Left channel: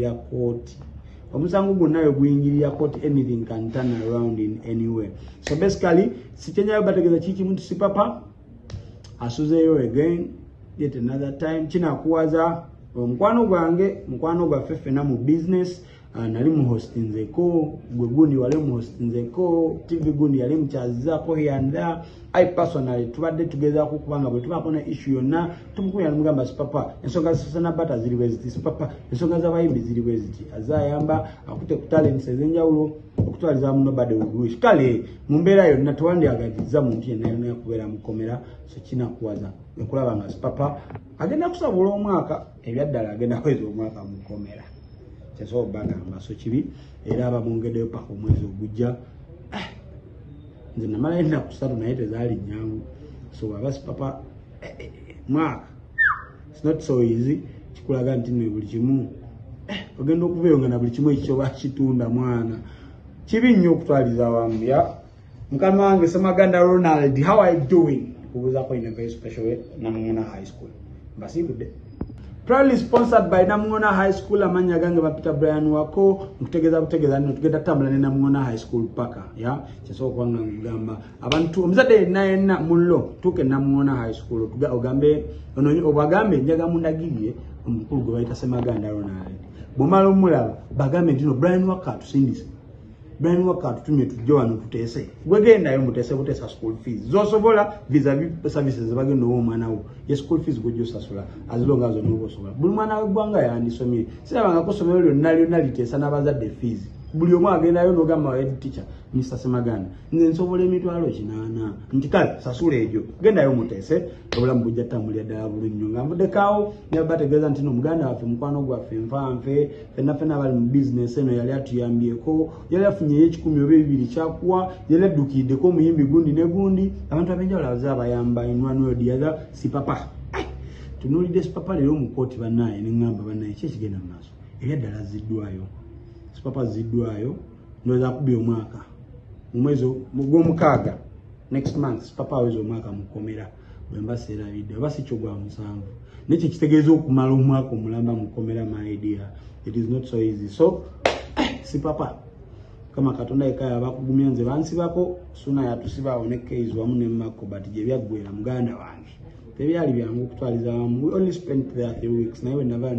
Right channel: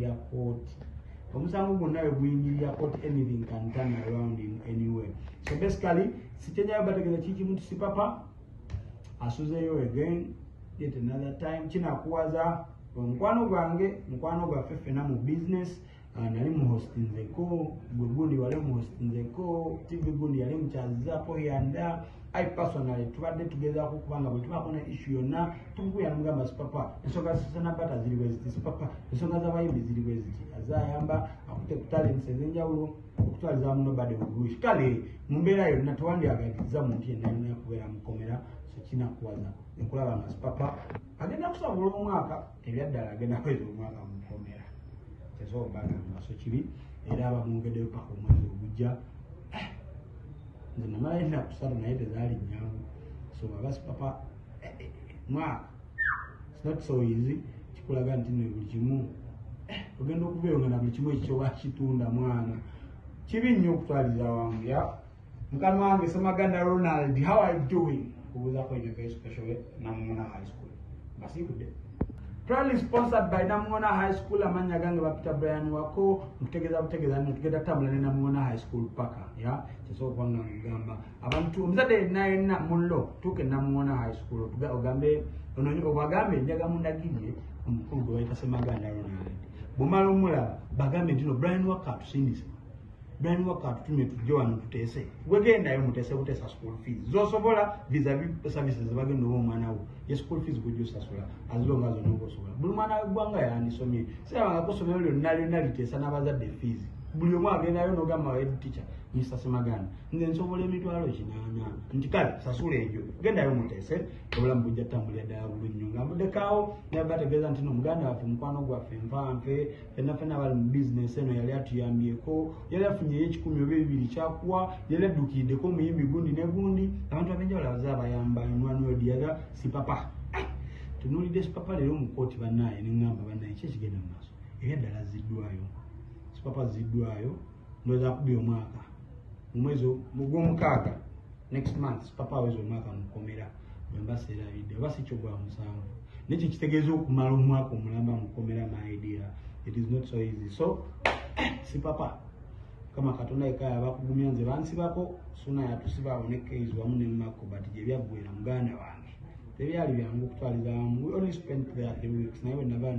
ya court. Omusango gwonna we guyingirira court, anything can turn around in any way. So basically, sichenyayo bategeza chiki muntu si papa asuzeyo again yet another time kinakuwaza omukwano gwange mukwano gwa fefena mu business. Nali mu hostinzeko gwe gundi wale mu hostinzeko TV gundi yali mchazako here and there. I personally tubadde tugeza kubanga bwe tubakona issue yonna tumukuya namugamba sipapa ensonga zisana bata ziri wezi sipapa ensonga z'abayimbi ziri wezi azayamba akute ku talents ezenjawulo okutwaliza muno bade uguish kale mu mbeera yonna tuwandi agagiza muntu yenna yakubeera mukomera so kina kuwaza ekulaba nga sipapa agenda kusabula omwaka ebyaddala agenda kweza omwaka mukomera kyeso bagamba so kibi era abamwongeddeyo paka omwezi ogujja nze namala enda kusatu naye tezaali nyangu so abasi papa mwaka it's not so easy kikulaga nti ne buli kimu ogenda okubeeyo nga na buli kimu ekyo bakitunda mwana kibi nnyo okutwaliza wamu ya mukama wange Semaganda Ronald, how are you doing? Kubuza ko in a very special way Namungona High School mbasibudde proudly sponsored by Namungona High School. Amanya gange bapita Brian wako butegeza nno tugenda tambula ne Namungona High School paka ya kyeso kwanga ngamba abantu omuzadde nayenna mullo tuke Namungona High School ogambe ono obagambe njaga mundagirye omukulu gwe bayita Semaganda Ronald bumala omulaba bagambe ndino Brian waka tusindise Brian waka tutumye tujjo wano tutese gwegenda yo mutese butesa school fees zosobola vis-a-vis services bagenda omwana wo ye school fees gojjo sasula azilonga zo nubo sobola buli mwana wegwanga yandisomye sirabanga kusomero lyonna litesa n'abazadde fees buli omu agendayo n'ogamba head teacher Mr. Semaganda nze nsobola emitwalo 80 nti kale sasula ejo gendayo mutese obulamu bujja tambulira ddala bulungi nga mudekaawo ne bategeeza nti no muganda waffe mukwano gwaffe nfanfe fenna bali mu business eno yali atuyambyeko yali afunyeyo 10 oba 2 kyakuwa yali addukiddeko omuyimbi gundi ne gundi abantu abenjawulo abayamba in one way or the other si papa tunulidde si papa leero mu kooti bannaye ne ngamba bannaye ki ekigenda mu maaso ebyaddala ziddwayo si papa ziddwayo ndowooza akubye omwaka mu mwezi gw'omukaaga next month papa aweza omwaka mukomera bwemba seerabidde oba si kyo gwa musanvu nekyo kitegeeza okumala omwaka omulamba mukomera my idea it is not so easy so si papa kama Katonda ekaya bakugumya nze bansibako suna yatusibaawo ne case wamu ne mako but gye byaggwera muganda wange tebyali byangu okutwaliza wamu we only spent there 3 weeks naye we never